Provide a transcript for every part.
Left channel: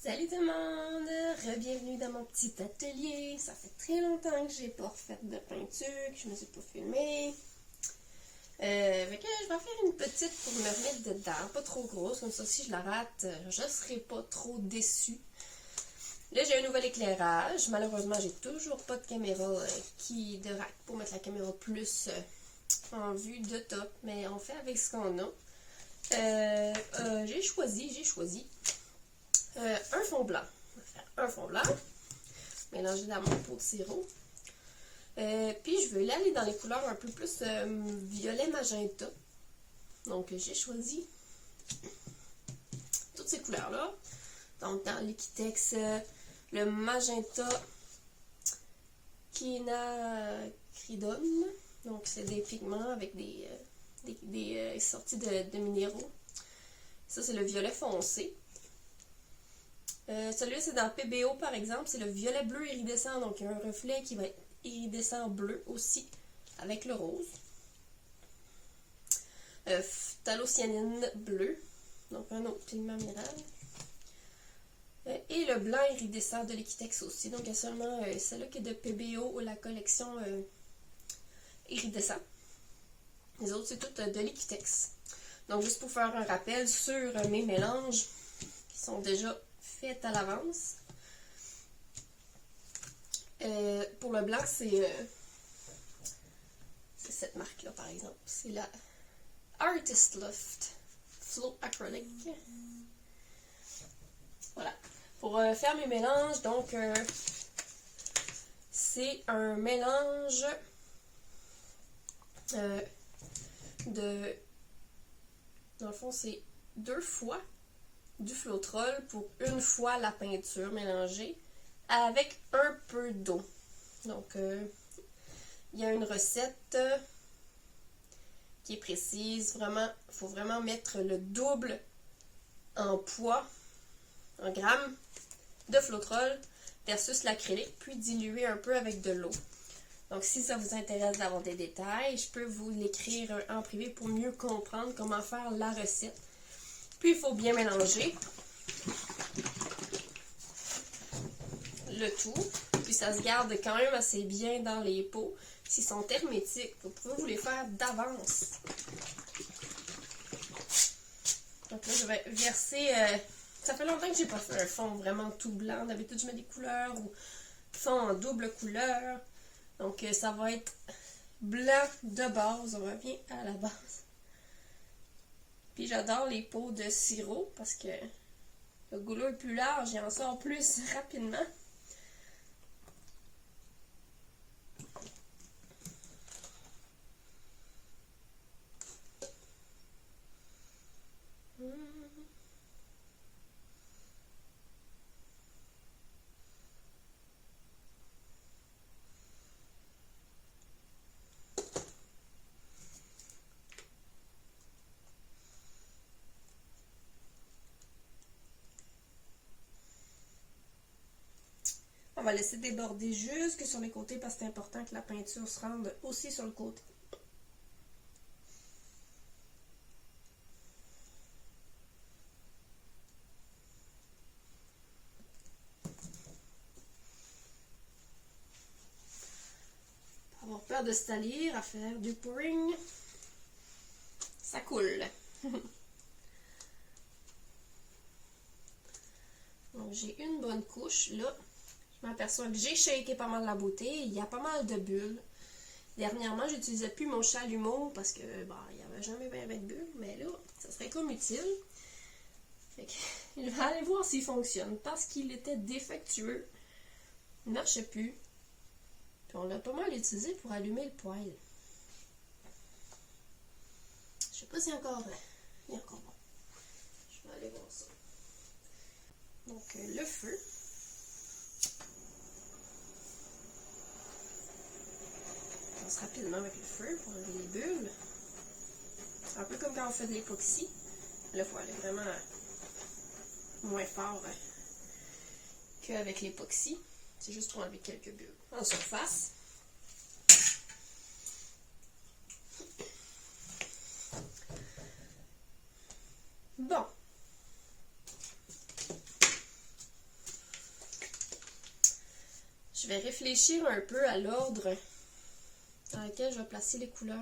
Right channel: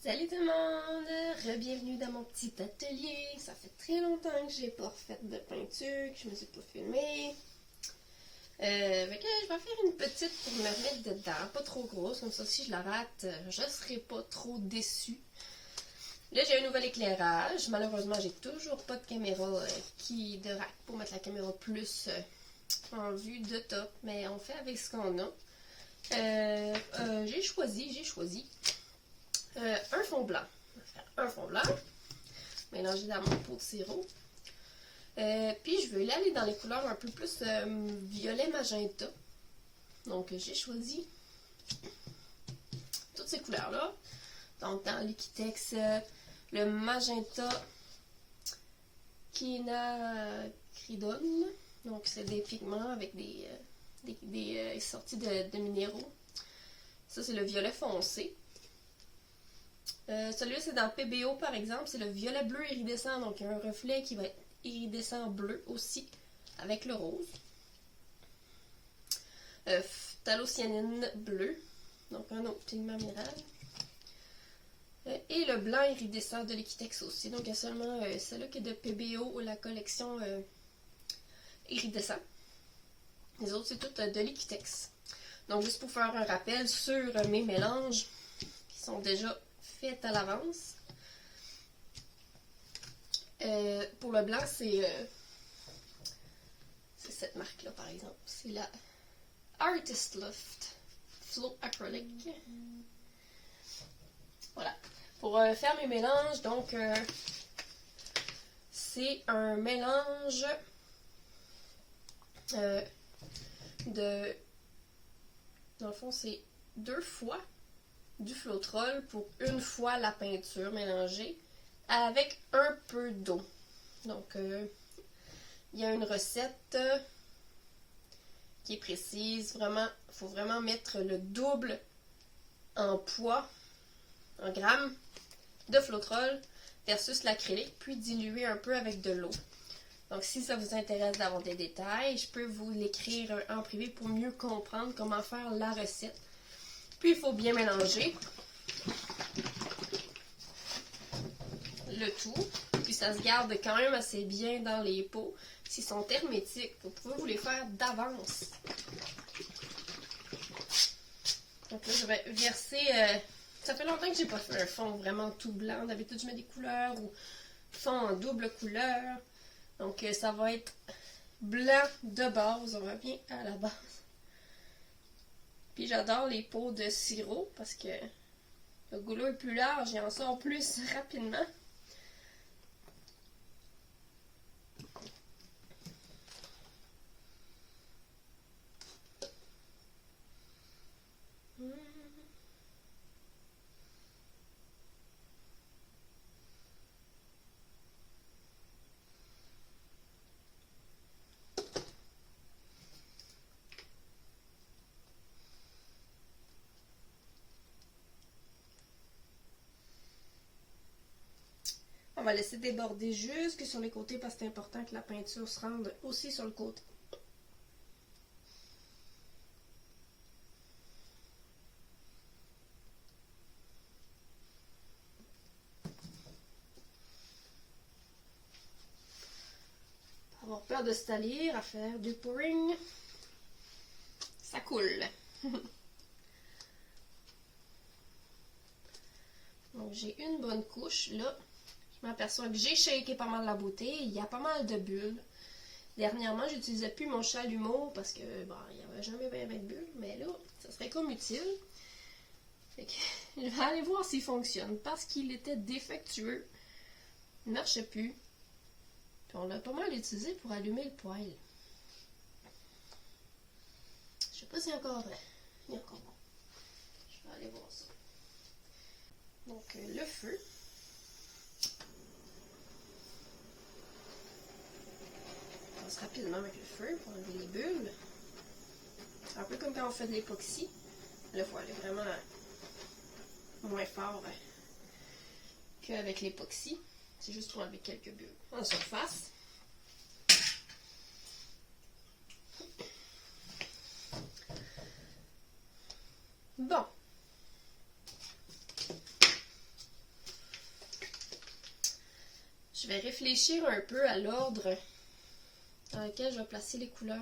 Salut tout le monde! Bienvenue dans mon petit atelier. Ça fait très longtemps que j'ai pas refait de peinture, que je me suis pas filmée. Fait que je vais faire une petite pour me remettre dedans, pas trop grosse, comme ça si je la rate, je serai pas trop déçue. Là j'ai un nouvel éclairage, malheureusement j'ai toujours pas de caméra de rack pour mettre la caméra plus en vue de top, mais on fait avec ce qu'on a. J'ai choisi un fond blanc. On va faire un fond blanc, mélanger dans mon pot de sirop. Puis je vais aller dans les couleurs un peu plus violet magenta. Donc j'ai choisi toutes ces couleurs-là. Donc dans Liquitex, le magenta quinacridone. Donc c'est des pigments avec des sorties de minéraux. Ça c'est le violet foncé. Celui-là, c'est dans PBO, par exemple. C'est le violet bleu iridescent. Donc, il y a un reflet qui va être iridescent bleu aussi, avec le rose. Phthalocyanine bleu. Donc, un autre pigment minéral. Et le blanc iridescent de Liquitex aussi. Donc, il y a seulement celui-là qui est de PBO ou la collection iridescent. Les autres, c'est tout de Liquitex. Donc, juste pour faire un rappel sur mes mélanges qui sont déjà faite à l'avance. Pour le blanc, c'est cette marque-là, par exemple. C'est la Artist Loft Flow Acrylic. Voilà. Pour faire mes mélanges, donc, c'est un mélange de... Dans le fond, c'est 2 fois du Floetrol pour 1 fois la peinture mélangée avec un peu d'eau. Donc, il y a une recette qui est précise. Vraiment, il faut vraiment mettre le double en poids, en grammes, de Floetrol versus l'acrylique, puis diluer un peu avec de l'eau. Donc, si ça vous intéresse d'avoir des détails, je peux vous l'écrire en privé pour mieux comprendre comment faire la recette. Puis, il faut bien mélanger le tout. Puis, ça se garde quand même assez bien dans les pots. S'ils sont hermétiques, vous pouvez vous les faire d'avance. Donc là, je vais verser... ça fait longtemps que j'ai pas fait un fond vraiment tout blanc. D'habitude, je mets des couleurs ou fond en double couleur. Donc, ça va être blanc de base. On revient à la base. Puis j'adore les pots de sirop parce que le goulot est plus large et en sort plus rapidement. On va laisser déborder jusque sur les côtés parce que c'est important que la peinture se rende aussi sur le côté. Pas avoir peur de se salir, à faire du pouring, ça coule. Donc j'ai une bonne couche là. Je m'aperçois que j'ai shaké pas mal la bouteille. Il y a pas mal de bulles. Dernièrement, j'utilisais plus mon chalumeau parce que bon, il n'y avait jamais bien de bulles. Mais là, ça serait comme utile. Fait que, je vais aller voir s'il fonctionne. Parce qu'il était défectueux. Il ne marchait plus. Puis on l'a pas mal utilisé pour allumer le poêle. Je sais pas s'il est encore vrai. Il est encore bon. Je vais aller voir ça. Donc, le feu. Rapidement avec le feu pour enlever les bulles. Un peu comme quand on fait de l'époxy. Là, il faut aller vraiment moins fort qu'avec l'époxy. C'est juste pour enlever quelques bulles en surface. Bon. Je vais réfléchir un peu à l'ordre dans lequel je vais placer les couleurs.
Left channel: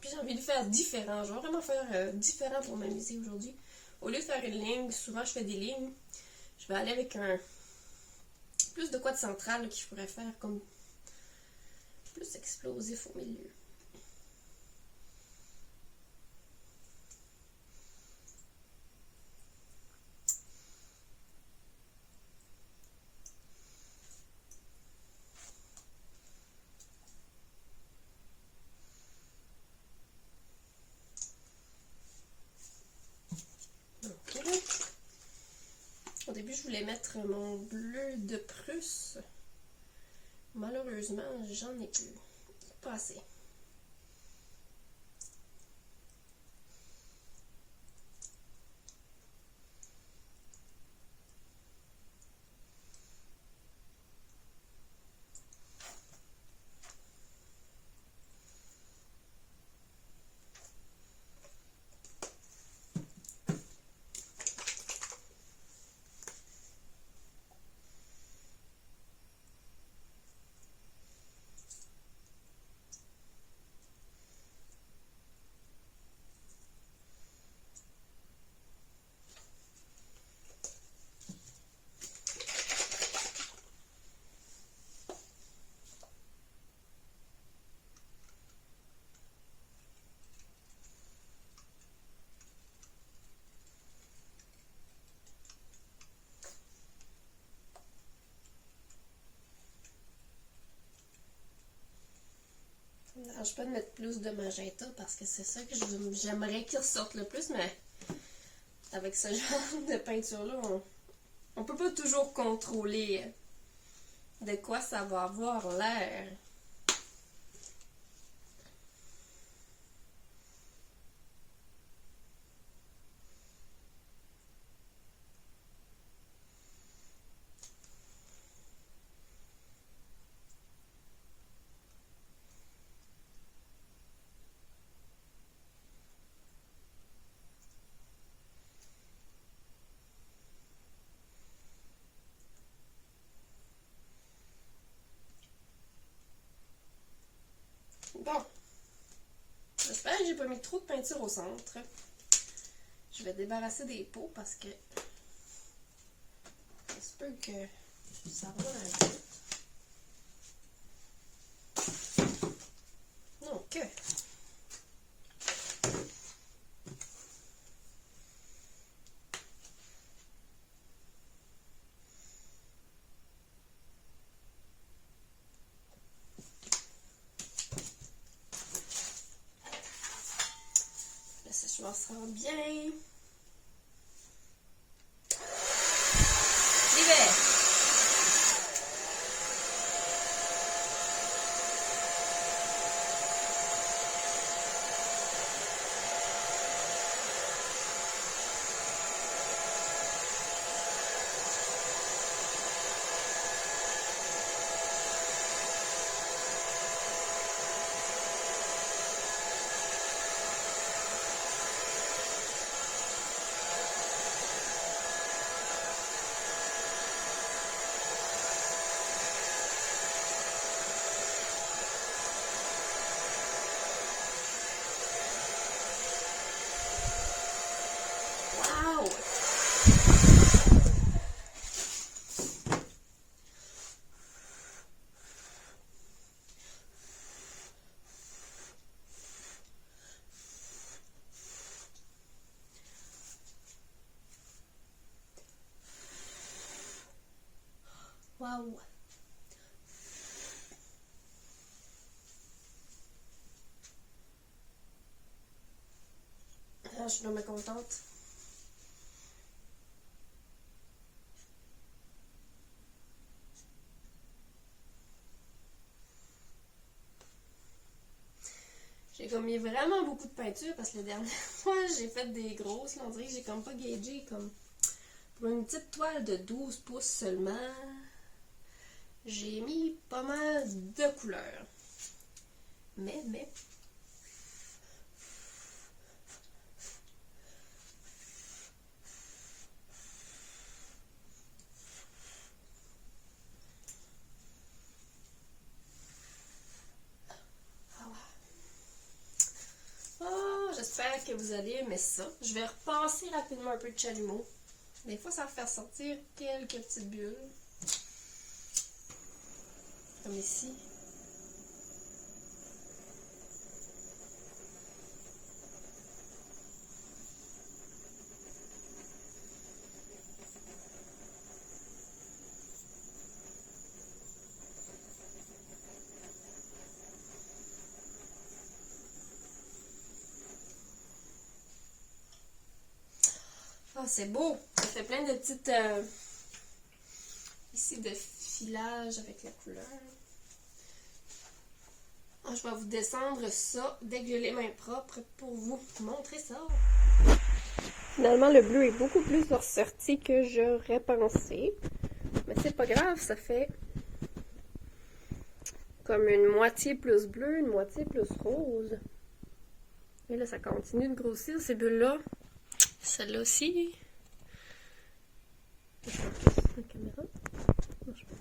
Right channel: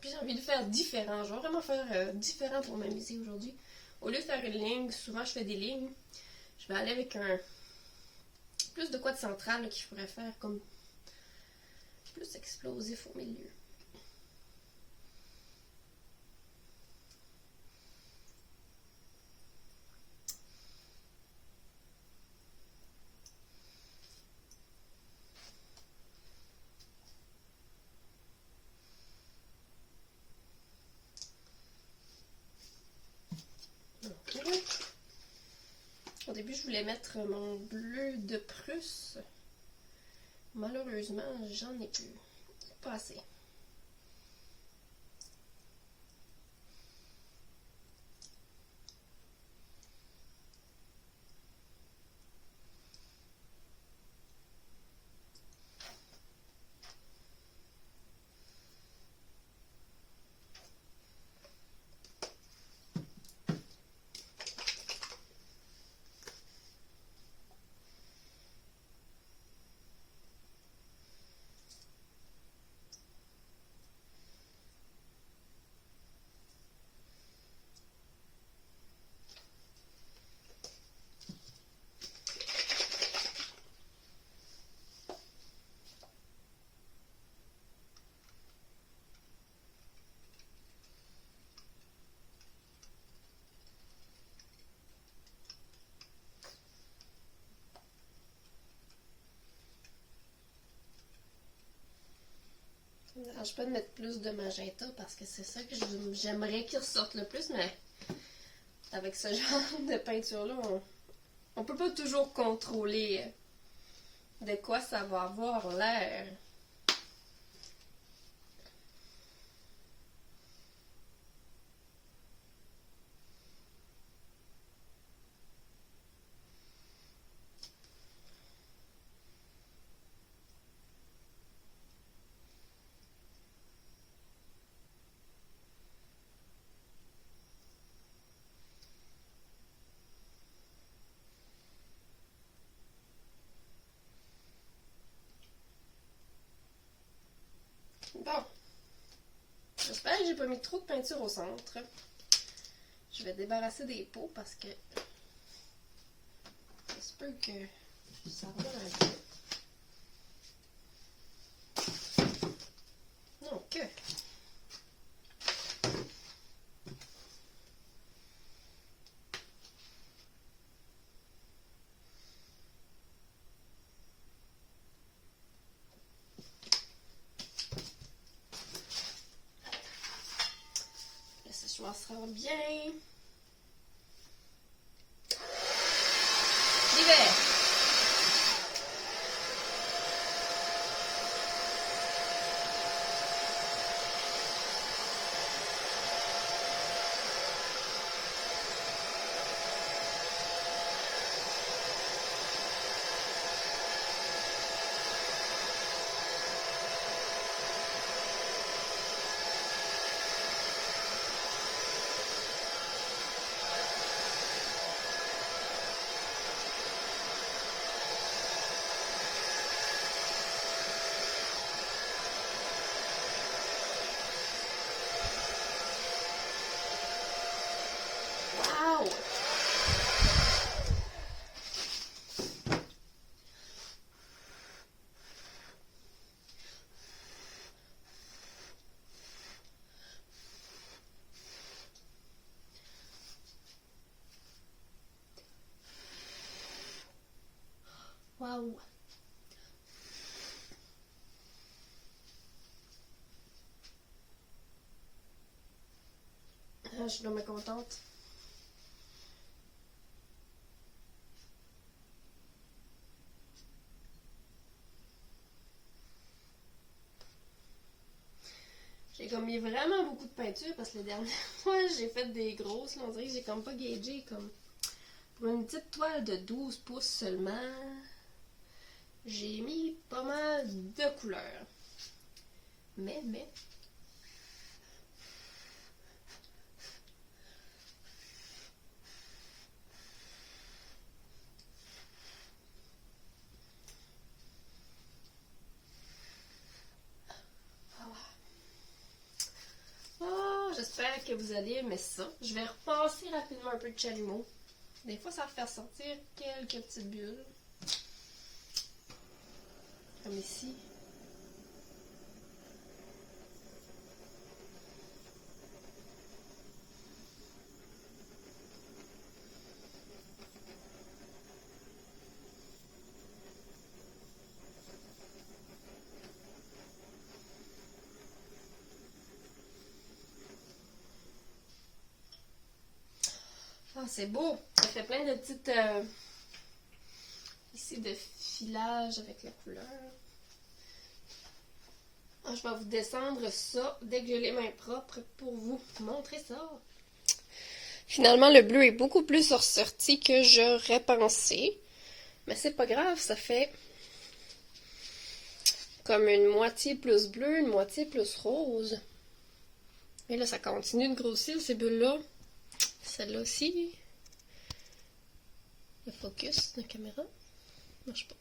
Puis j'ai envie de faire différent. Je vais vraiment faire différent pour m'amuser aujourd'hui. Au lieu de faire une ligne, souvent je fais des lignes. Je vais aller avec un plus de quoi de central là, qu'il pourrait faire comme plus explosif au milieu. Donc, au début, je voulais mettre mon bleu de Prusse. Malheureusement, j'en ai plus. Pas assez. Ça ne me dérange pas de mettre plus de magenta parce que c'est ça que j'aimerais qu'il ressorte le plus, mais avec ce genre de peinture-là, on peut pas toujours contrôler de quoi ça va avoir l'air. Bon, j'espère que j'ai pas mis trop de peinture au centre. Je vais débarrasser des pots parce que ça se peut que ça va un peu. Donc, le séchoir sera bien. L'hiver. Wow! Wow! Ah, je suis vraiment contente. J'ai comme mis vraiment beaucoup de peinture parce que la dernière fois, j'ai fait des grosses. Là, on dirait que j'ai comme pas gagé comme pour une petite toile de 12 pouces seulement. J'ai mis pas mal de couleurs. Mais. Oh, j'espère que vous allez aimer ça. Je vais repasser rapidement un peu de chalumeau. Des fois, ça va faire sortir quelques petites bulles. Comme ici. Ah, c'est beau! Ça fait plein de petites... ici, de filage avec la couleur. Ah, je vais vous descendre ça dès que j'ai les mains propres pour vous montrer ça. Finalement, le bleu est beaucoup plus ressorti que j'aurais pensé. Mais c'est pas grave, ça fait comme une moitié plus bleu, une moitié plus rose. Et là, ça continue de grossir, ces bulles-là. Celle-là aussi. Je focus la caméra. Marche pas.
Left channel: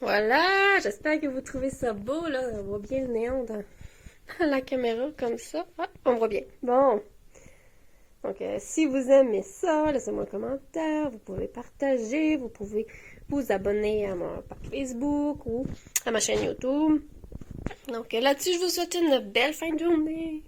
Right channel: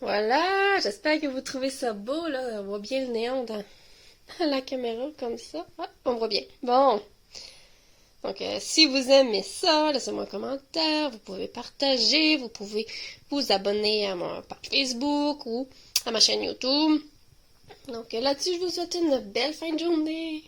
Voilà, j'espère que vous trouvez ça beau, là. On voit bien le néon dans la caméra, comme ça. Ah, on voit bien. Bon. Donc, si vous aimez ça, laissez-moi un commentaire. Vous pouvez partager. Vous pouvez vous abonner à mon page Facebook ou à ma chaîne YouTube. Donc, là-dessus, je vous souhaite une belle fin de journée.